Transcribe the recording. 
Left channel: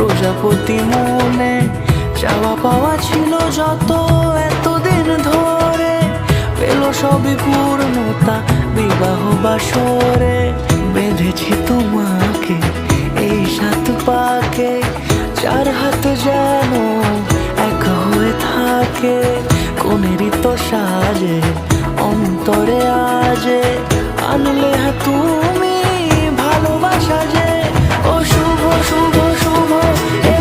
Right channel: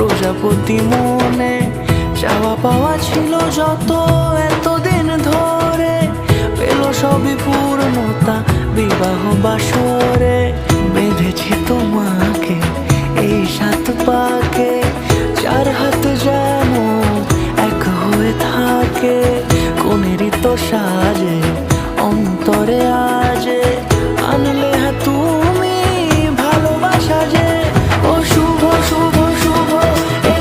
প্রজাপতি মনে চাওয়া পাওয়া ছিল যত এতদিন ধরে, পেল সবই পূর্ণতা বিবাহ বাসরে। বেঁধেছি তোমাকে এই 7 পাকে, 4 হাত যেন এক হয়ে থাকে। কোনেরই তো সাজে অন্তরে আজে আনলে তুমি ভালোবাসা যে। ও শুভ শুভ শুভ এ